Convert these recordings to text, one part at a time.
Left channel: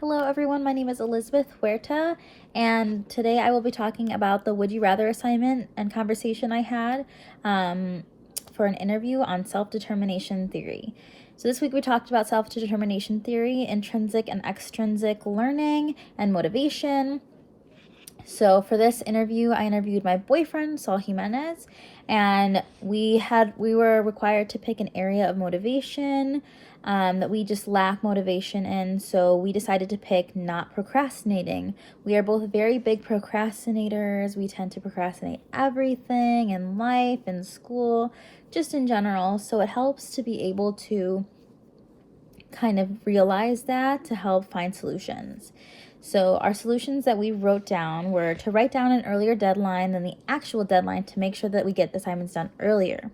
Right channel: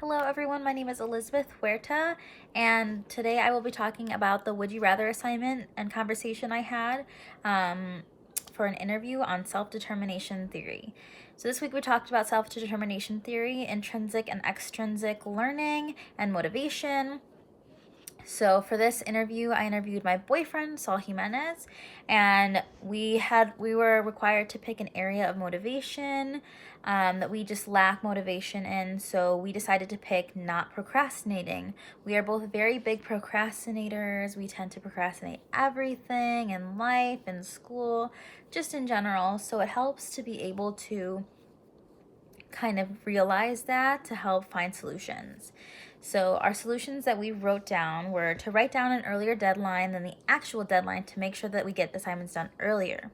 Hello everyone, my name is Elizabeth Huerta, and today I will be talking about the Would You Rather assignment and conversation I had for an interview on self-determination theory. So this week we talked about self-determination theory, intrinsic and extrinsic learning, and motivation. So for this interview, I interviewed my boyfriend, Saul Jimenez, and we were required to pick an area of motivation that we just lack motivation in. So we decided to pick not procrastinating. We are both very big procrastinators. We tend to procrastinate everything in life, in school, just in general. So it helps to be able to kind of realize that to help find solutions. So our solutions that we wrote down were to write down an earlier deadline than the actual deadline to make sure that we get the assignments done earlier.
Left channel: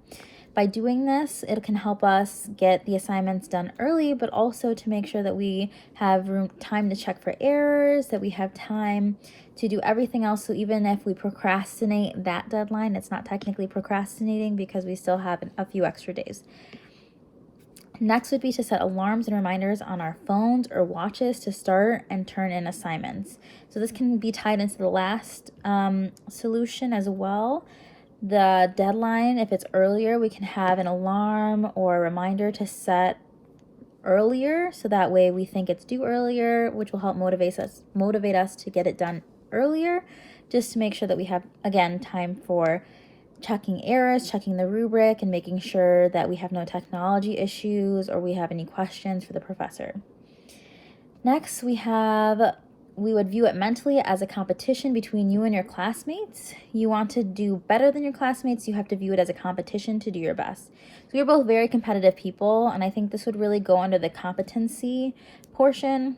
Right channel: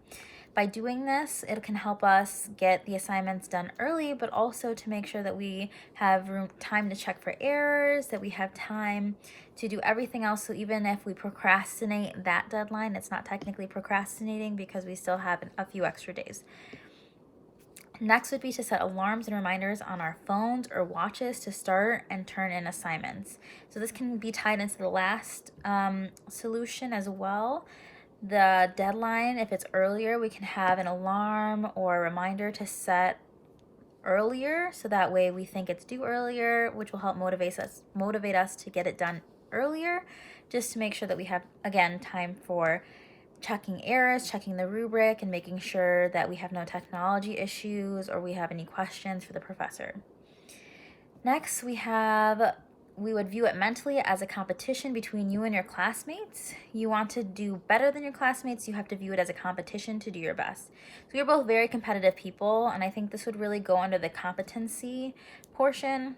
By doing this, it can help us get the assignments done early, but also to make sure that we have time to check for errors, that we have time to do everything else. So even if we procrastinate that deadline, it's not technically procrastinating because we still have a few extra days. Next would be to set alarms and reminders on our phones or watches to start and turn in assignments. So this can be tied into the last solution as well. The deadline, if it's earlier, we can have an alarm or a reminder to set earlier, so that way we think it's due earlier, which will help motivate us to get it done earlier, just to make sure that we have, again, time for checking errors, checking the rubric, and making sure that we have no technology issues or we have any questions for the professor. Next, we would view it mentally as a competition between you and your classmates. You want to do better than your classmates, you have to view it as a competition to do your best. So you're both very competitive people, and I think this would really go under the competency portion.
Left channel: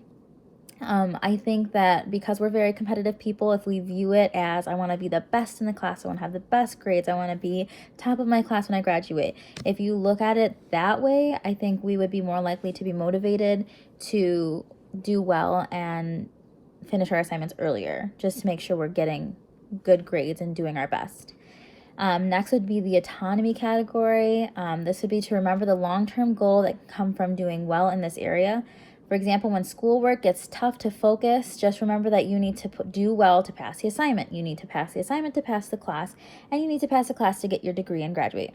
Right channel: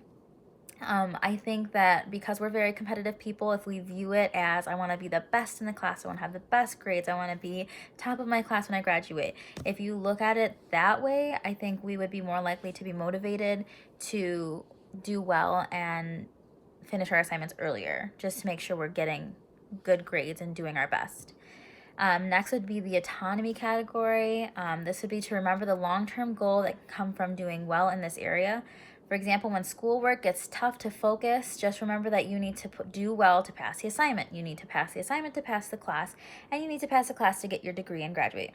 I think that because we're very competitive people, if we view it as I want to be the best in the class, I want to have the best grades, I want to be top of my class when I graduate. If you look at it that way, I think we would be more likely to be motivated to do well and finish our assignments earlier, just to make sure we're getting good grades and doing our best. Next would be the autonomy category. This would be to remember the long-term goal that come from doing well in this area. For example, when schoolwork gets tough to focus, just remember that you need to do well to pass the assignment. You need to pass the assignment to pass the class, and you need to pass the class to get your degree and graduate.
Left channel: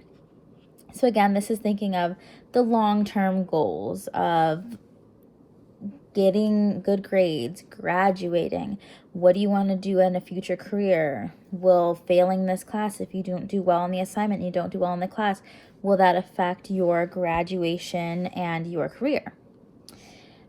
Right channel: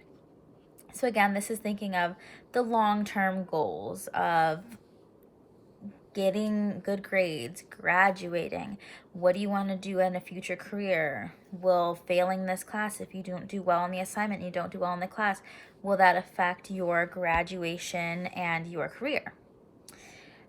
So again, this is thinking of the long-term goals of getting good grades, graduating. What do you want to do in a future career? Will failing this class, if you don't do well in the assignment, you don't do well in the class, will that affect your graduation and your career?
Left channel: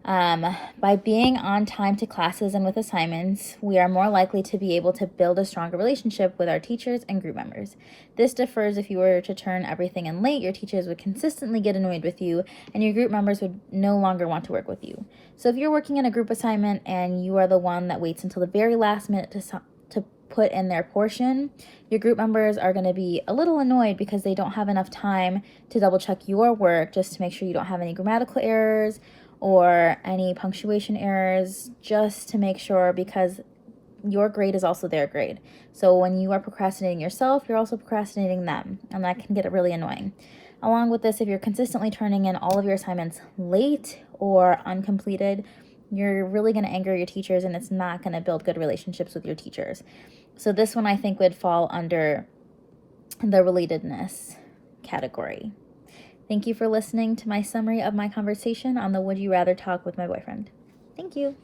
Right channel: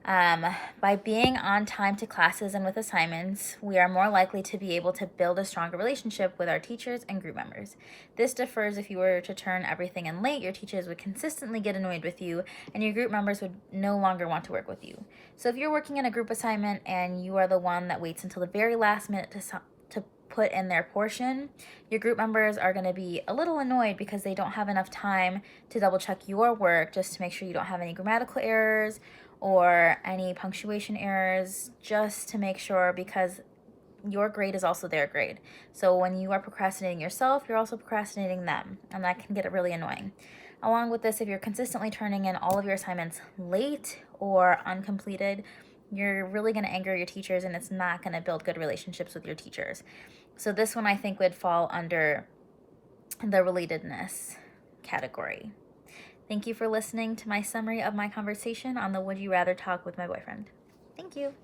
By being on time to classes and with assignments, we are more likely to be able to build a stronger relationship with our teachers and group members. This differs if you were to turn everything in late. Your teachers would consistently get annoyed with you, and your group members would no longer want to work with you. So if you're working in a group assignment and you are the one that waits until the very last minute to put in their portion, your group members are going to be a little annoyed because they don't have enough time to double check your work just to make sure you don't have any grammatical errors or any punctuation errors, just to make sure, because your grade is also their grade. So when you are procrastinating yourself, you're also procrastinating them, and that can get really annoying. Along with this, if you're consistently turning in all of your assignments late or uncompleted, you're really going to anger your teachers, and it's not going to build good relationships with your teachers. So this one I think would fall under the relatedness category. Thank you for listening to my summary of my conversation on the Would You Rather talk with my boyfriend. Thank you.